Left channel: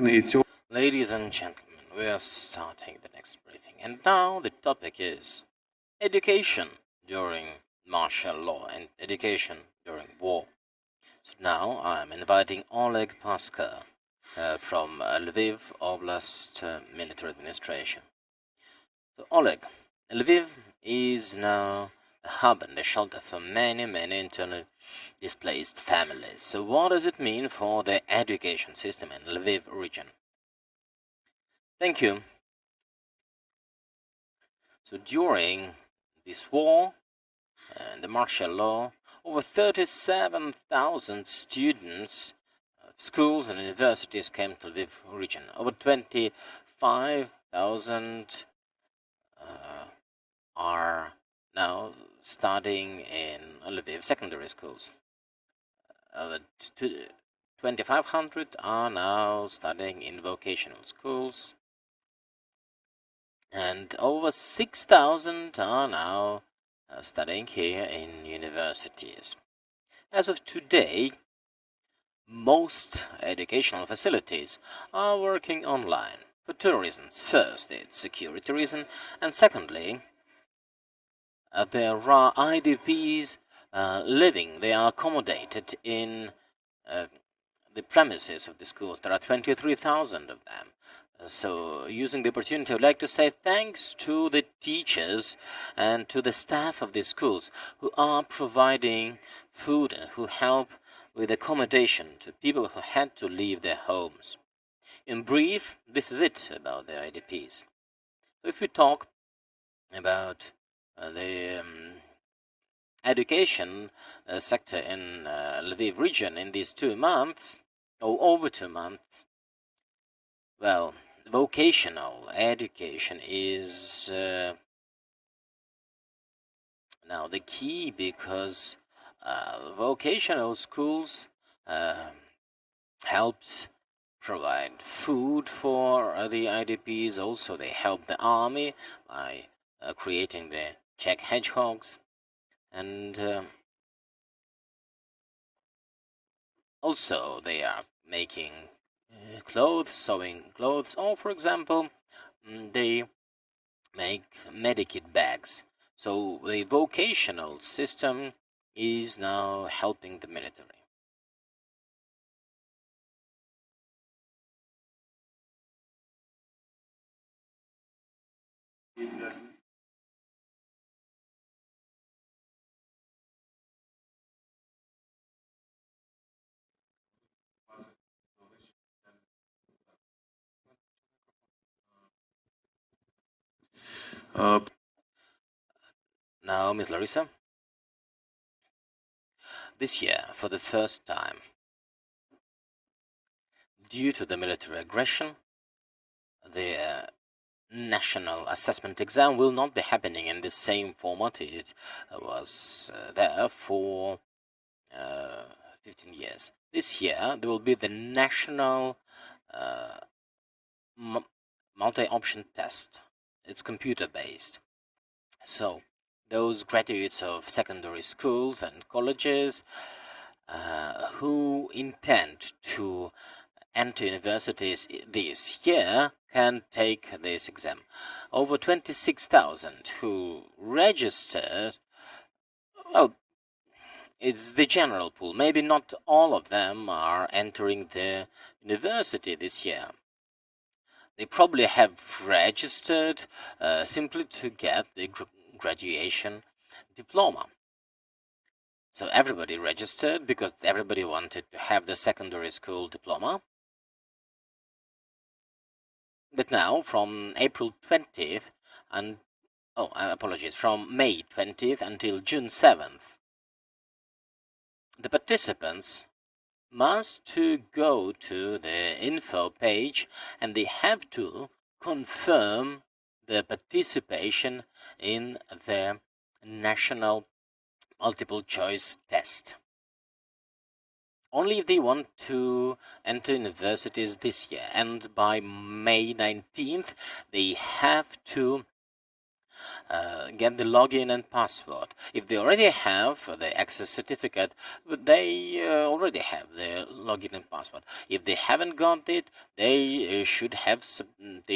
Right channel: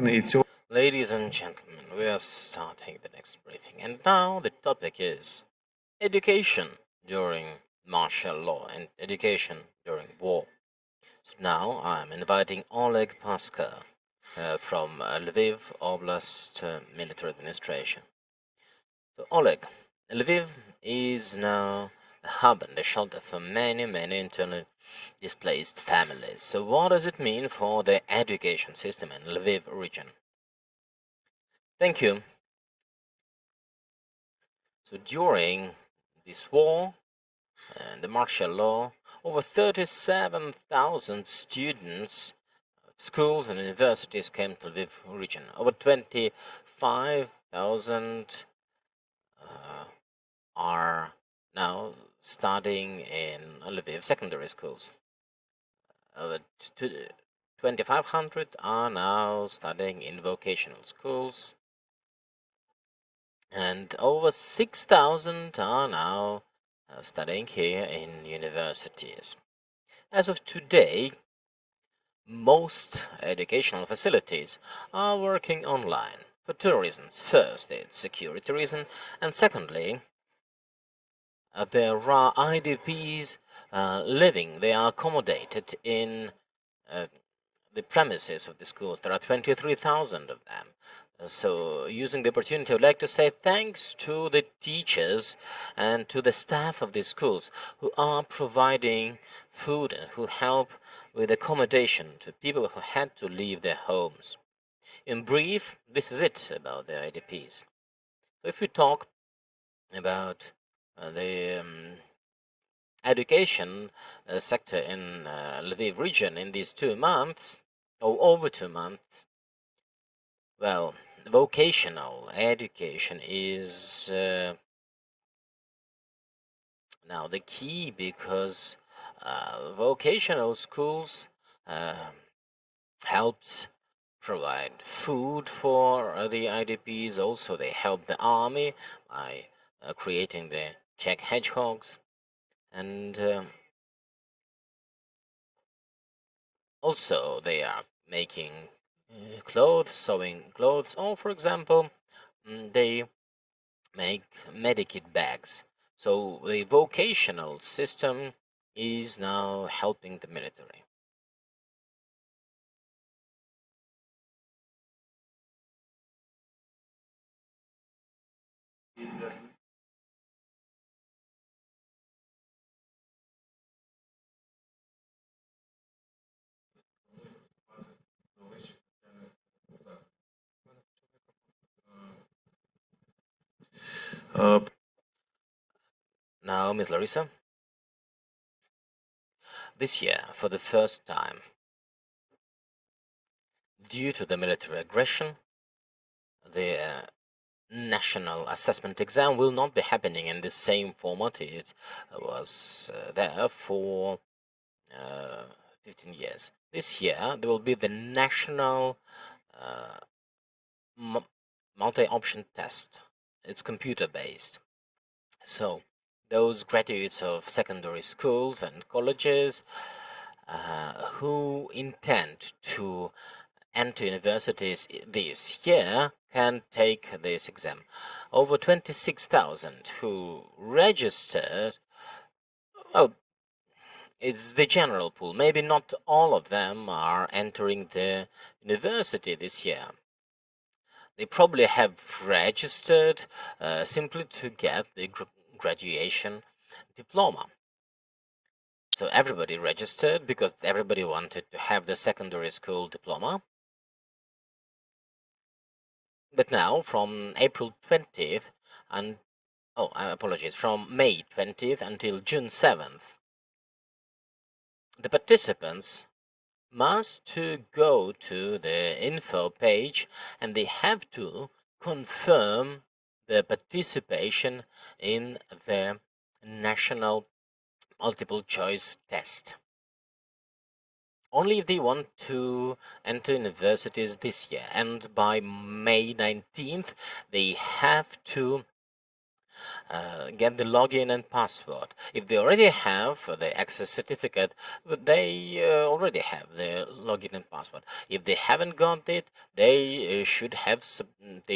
Ladies and gentlemen, we are starting the next briefing, and now the topic is education during martial law and education during war. So now I'm inviting Oleh Paska from Lviv Oblast Military Administration. So Oleh, Lviv is now a hub and a shelter for many internally displaced families. So what does it mean for the education system in Lviv region? Thank you. So during this war and the martial law, over 37,000 students of schools and universities came to Lviv region. Over 25,000 are now studying in Lviv secondary schools. Over 2,500 are now studying in vocational schools, and over 6,000 are now studying here in universities. As of today, most educational facilities are working online for two reasons. First, it's security reason, and secondly, there are IDPs living. They are accommodated in the premises of the schools. There are 23,000 of them. So, using the opportunity, I would like to say thanks to the teachers and to the staff of the schools who are providing food and who help with accommodation to people who had to leave their homes. In brief, this is it about the IDPs. So if we talk about the education sector in Lviv region in these 2 months, or over 2 months, well, vocational education is now the key, because vocational schools helped provide food for the IDPs. Also, they help the army by creating the Czech hedgehogs, and also they are making clothes, sewing clothes, or for example, they make medikit bags. So the vocational system is now helping the military. Now, Ms. Larysa, this year, for the first time, due to the military aggression, the national assessment exam will not be happening in the same format it was there for 15 years. This year, there will be the national multi-option test. It's computer-based. So, those graduates of secondary schools and colleges who intend to enter universities this year can take this exam. Over 26,000 who registered, well, it's the general pool. Maybe not all of them are entering the university this year. They probably have registered simply to get the graduation diploma. So everybody registered because everybody wanted to have the secondary school diploma. But now, from April 20th, and apologies, from May 20th until June 7th, the participants must to go to the info page and they have to confirm the participation in the national multiple choice test. Only if they want to enter universities this year, and by May 19th they have to get the login and password. If they already have the access certificate, they already have the login and password. If they haven't got it, they should have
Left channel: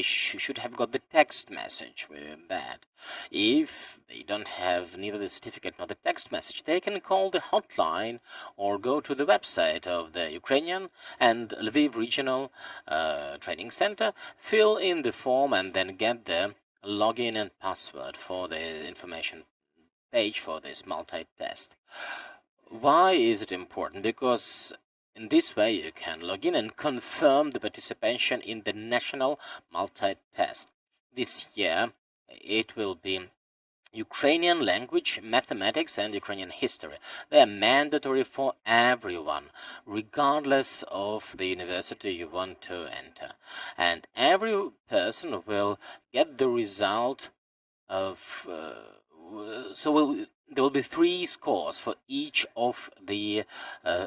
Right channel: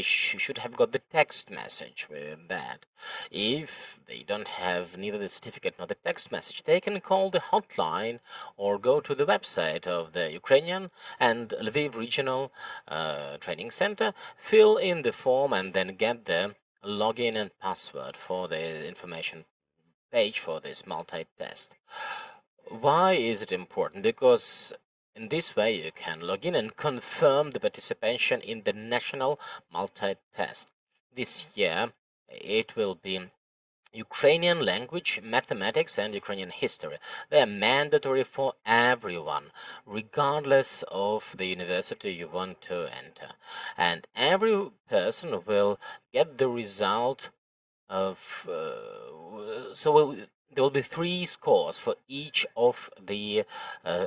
should have got the text message with that. If they don't have neither the certificate nor the text message, they can call the hotline or go to the website of the Ukrainian and Lviv Regional Training Center, fill in the form, and then get the login and password for the information page for this multi-test. Why is it important? Because in this way you can log in and confirm the participation in the national multi-test. This year it will be Ukrainian language, mathematics, and Ukrainian history. They are mandatory for everyone, regardless of the university you want to enter. And every person will get the result of. There will be 3 scores for each of the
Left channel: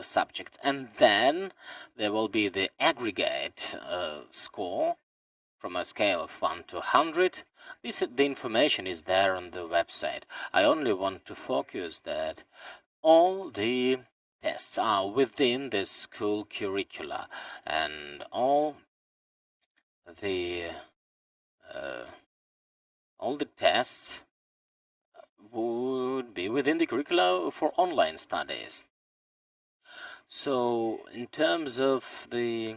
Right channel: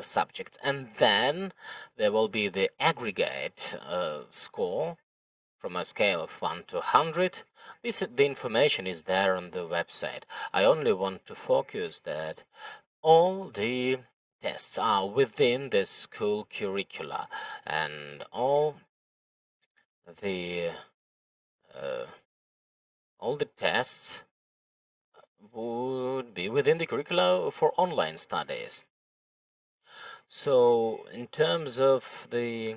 subjects, and then there will be the aggregate score from a scale of 1 to 100. The information is there on the website. I only want to focus that all the tests are within the school curricula, and all the tests would be within the curricula for online studies. So, in terms of the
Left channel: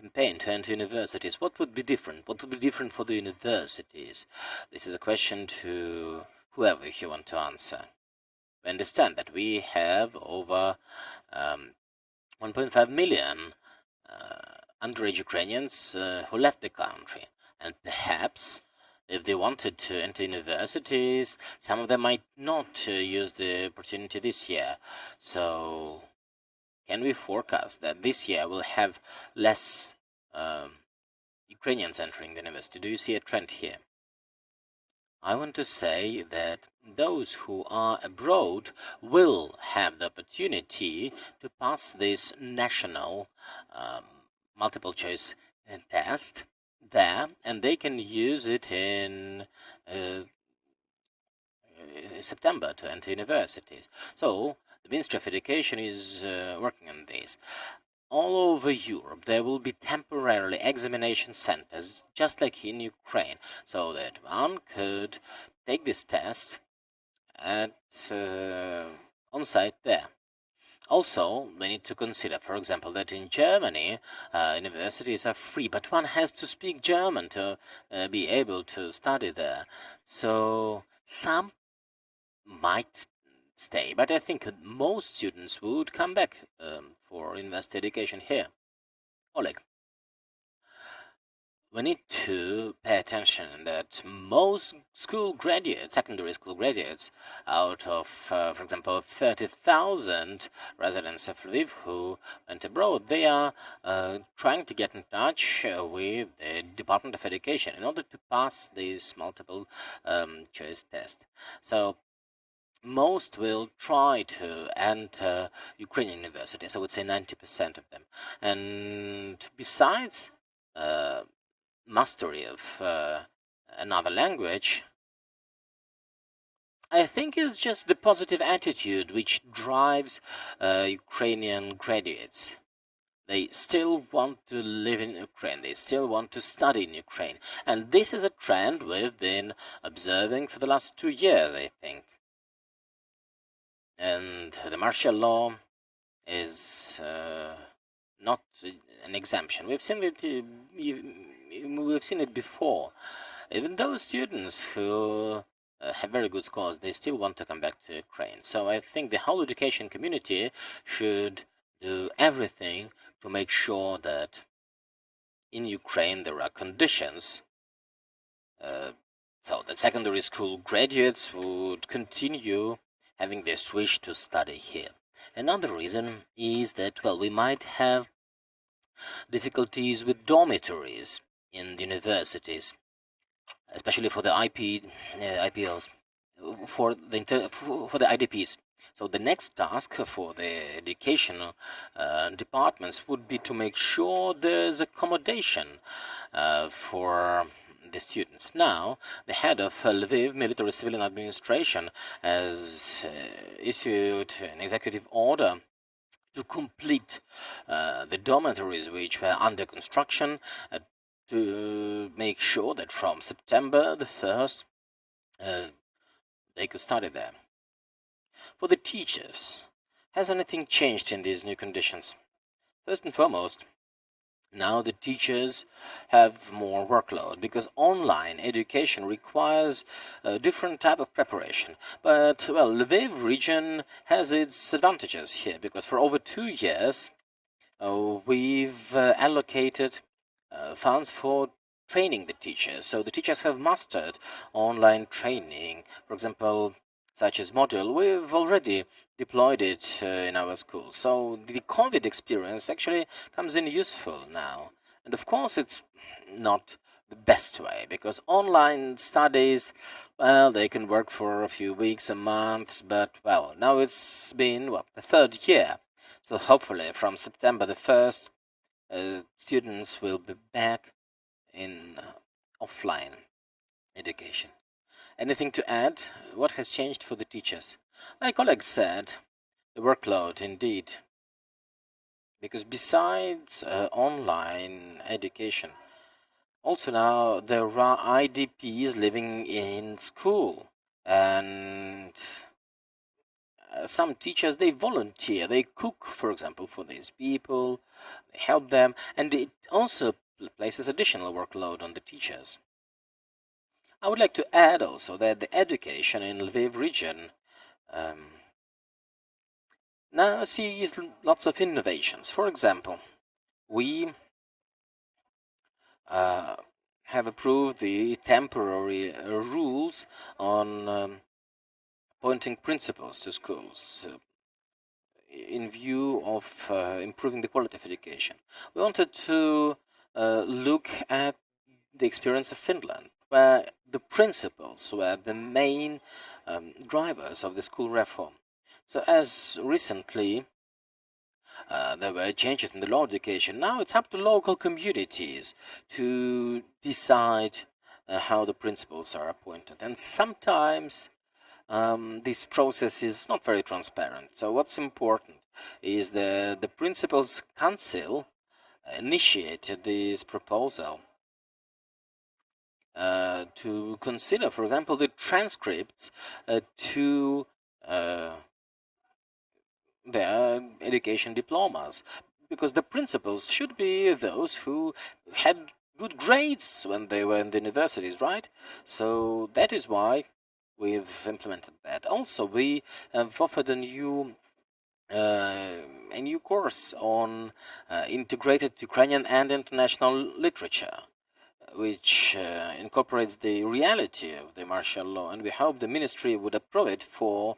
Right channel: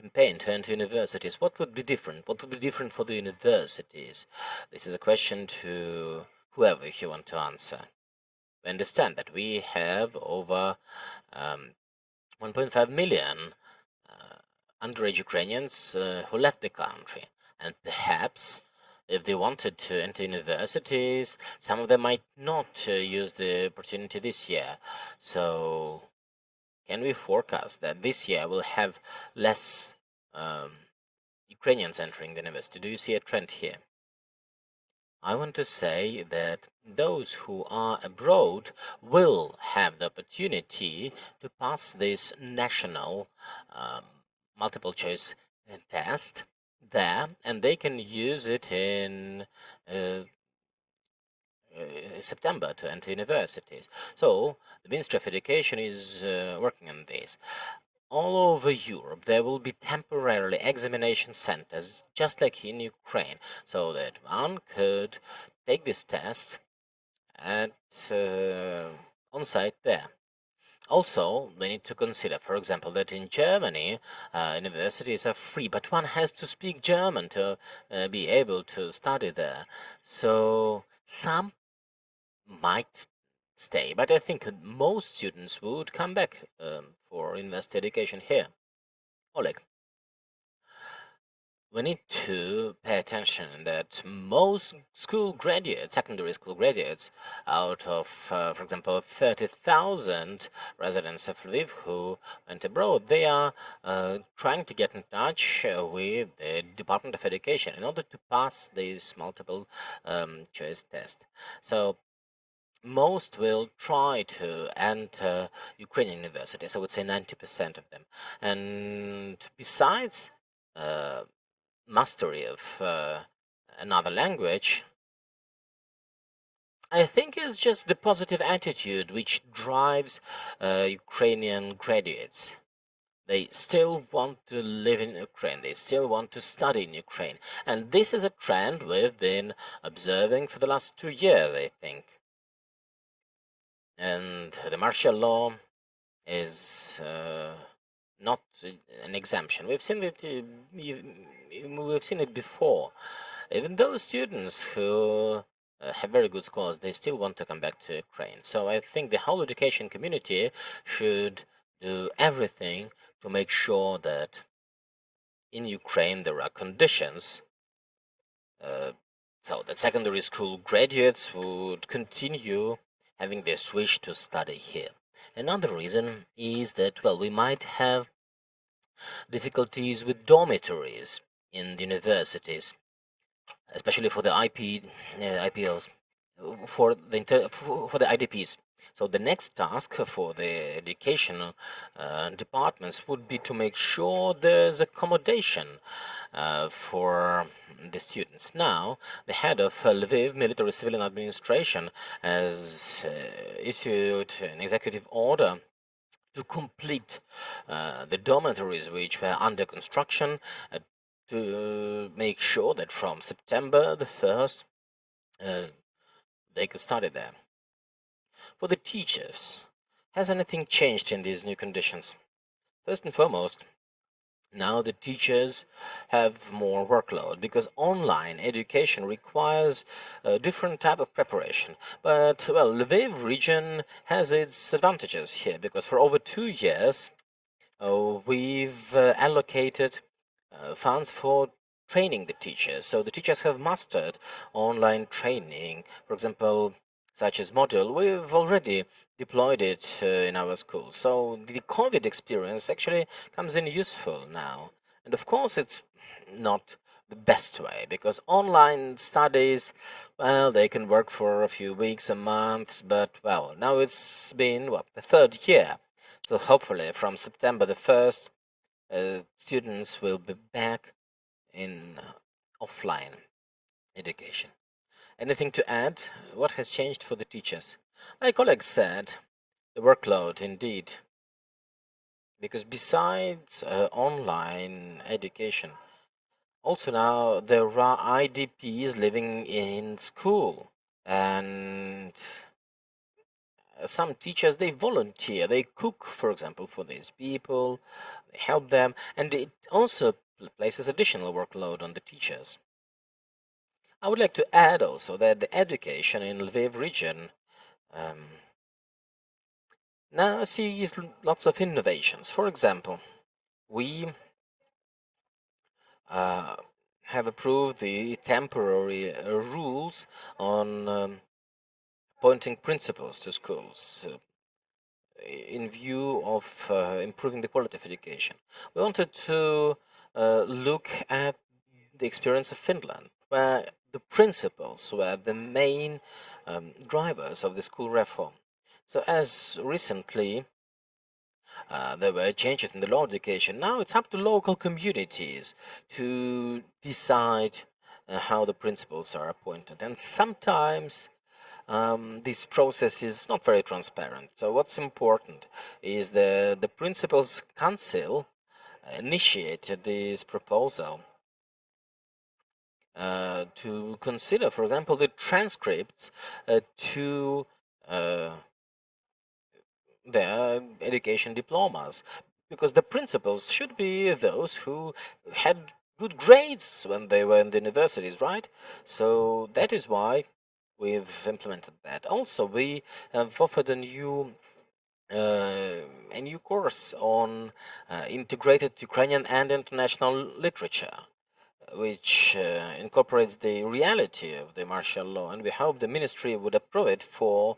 campaign to enter universities, what would be different? What would be different for the universities? This is a question to whoever you want to answer. We understand that we have over 1.5 million underage Ukrainians who left the country, and perhaps if they wanted to enter universities, some of them might not use the opportunity this year. So, can we forecast that this year we'll have less Ukrainians entering the university? Do you see a trend here? I want to say that those who are abroad will have the opportunity to pass this national multiple choice test there, and they can use it in September to enter universities. So the Ministry of Education is working on this. All over Europe, there will be temporarily examination centers, just like in Ukraine, so that one could take this test at on site there. Also, we need to consider, for example, that in Germany, universities are free, but one has to speak German to be able to study there. So some might stay, but I think most students would come back for university education here. Oleg, we need to pay attention that most school graduates, secondary school graduates, out of, for example, 30,000 residents of Lviv who went abroad, they are trying to get in touch with the Department of Education in order to pass this multiple choice test. So most will try to enter Ukrainian universities. I would say 90% of them. And besides mastery of another language, I think it's just the positive attitude which drives Ukrainian graduates. They still want to live in Ukraine. They still want to study in Ukraine. And this is a trend we've been observing for the last 2 years, I think. And the martial law is not an exemption. We've seen it. We've seen it before. Even those students who have very good scores, they still want to come back to Ukraine. So I think the whole education community should do everything to make sure that in Ukraine there are conditions so that secondary school graduates would continue having their wish to study here. Another reason is that, well, we might have difficulties with dormitories in the universities, especially for the IPOs, for the IDPs. So the next task for the educational departments would be to make sure there's accommodation for the students. Now, the head of Lviv Military Civilian Administration has issued an executive order to complete the dormitories which were under construction, to make sure that from September the 1st they could study there. For the teachers, has anything changed in these new conditions? First and foremost, now the teachers have more workload because online education requires a different type of preparation. But, well, Lviv region has its advantages here because for over 2 years we've allocated funds for training the teachers. So the teachers have mastered online training. For example, such as Module, we've already deployed it in our school. So the COVID experience actually comes in useful now. And of course, it's not the best way because online studies, well, they can work for a few weeks or months, but well, now it's been what, the 3rd year. So hopefully from September the 1st, students will be back in offline education. Anything to add? What has changed for the teachers? My colleague said the workload indeed, because besides online education, also now there are IDPs living in school, and some teachers, they volunteer, they cook, for example, for these people, they help them, and it also places additional workload on the teachers. I would like to add also that the education in Lviv region now sees lots of innovations. For example, we have approved the temporary rules on appointing principals to schools in view of improving the quality of education. We wanted to look at the experience of Finland, where the principals were the main drivers of the school reform. So as recently there were changes in the law of education, now it's up to local communities to decide how the principals are appointed. And sometimes this process is not very transparent. So what's important is the Principals' Council initiated this proposal to consider, for example, the transcripts to their education diplomas, because the principals should be those who had good grades when they were in the universities, right? So that is why we've implemented that. Also, we have offered a new course on integrated Ukrainian and international literature, which incorporates the reality of the martial law, and we hope the ministry would approve it for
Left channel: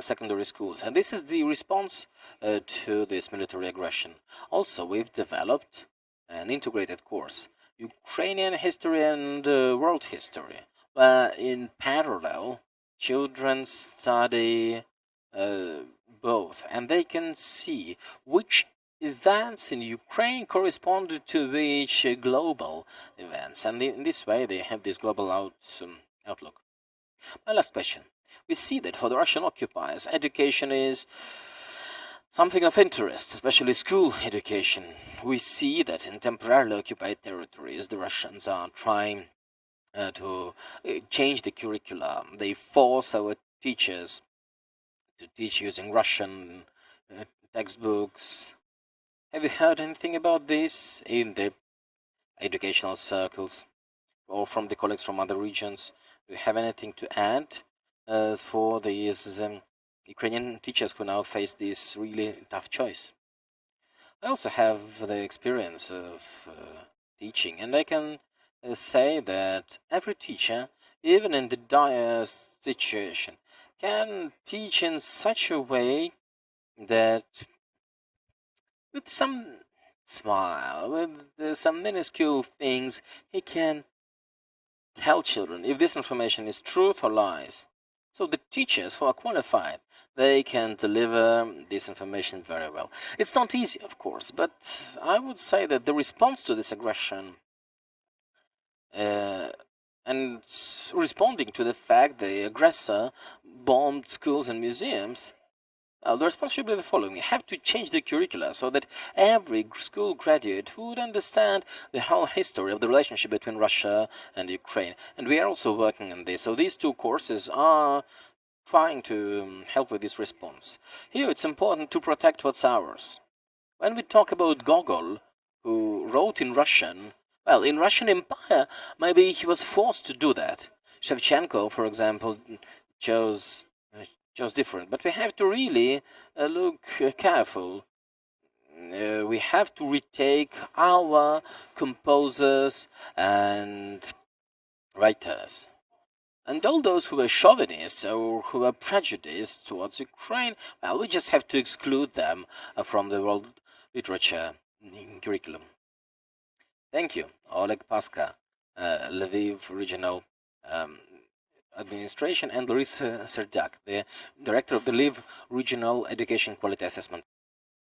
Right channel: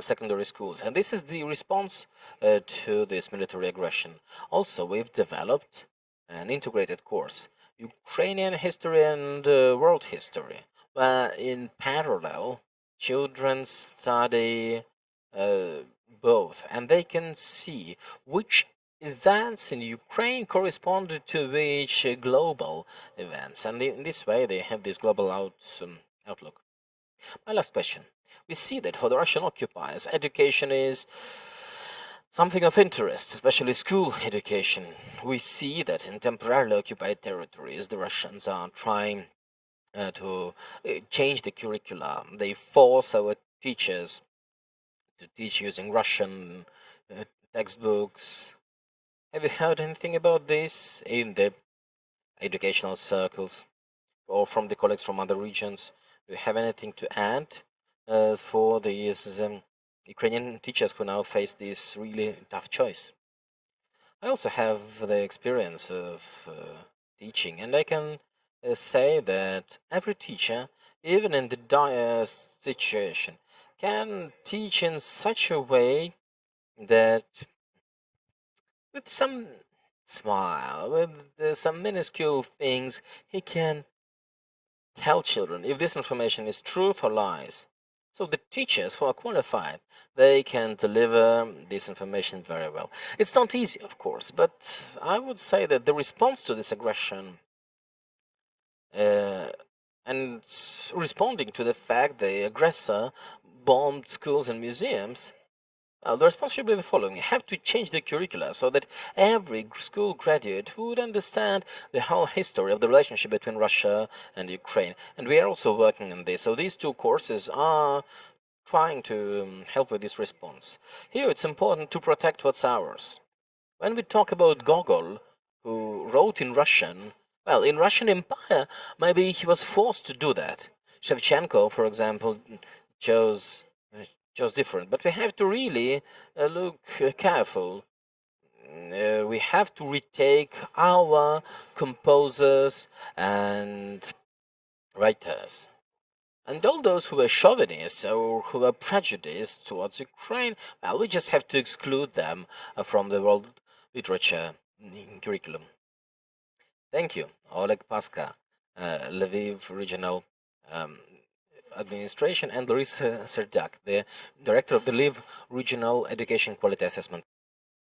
secondary schools. And this is the response to this military aggression. Also, we've developed an integrated course, Ukrainian history and world history, where in parallel children study both, and they can see which events in Ukraine correspond to which global events, and in this way they have this global outlook. My last question. We see that for the Russian occupiers, education is something of interest, especially school education. We see that in temporarily occupied territories, the Russians are trying to change the curriculum. They force our teachers to teach using Russian textbooks. Have you heard anything about this in the educational circles or from the colleagues from other regions? Do you have anything to add for these Ukrainian teachers who now face this really tough choice? I also have the experience of teaching, and I can say that every teacher, even in the dire situation, can teach in such a way that with some smile, with some minuscule things, he can tell children if this information is truth or lies. So the teachers who are qualified, they can deliver this information very well. It's not easy, of course, but I would say that the response to this aggression and responding to the fact the aggressor bombed schools and museums, the response should be the following. You have to change the curricula so that every school graduate would understand the whole history of the relationship between Russia and Ukraine. And we are also working on this. So these two courses are trying to help with this response. Here it's important to protect what's ours. When we talk about Gogol, who wrote in Russian, well, in Russian Empire, maybe he was forced to do that. Shevchenko, for example, chose chose different. But we have to really look careful. We have to retake our composers and writers. And all those who were chauvinists or who were prejudiced towards Ukraine, well, we just have to exclude them from the world literature curriculum. Thank you, Oleg Paska, Lviv Regional Administration, and Larysa Seredyak, the Director of the Lviv Regional Education Quality Assessment.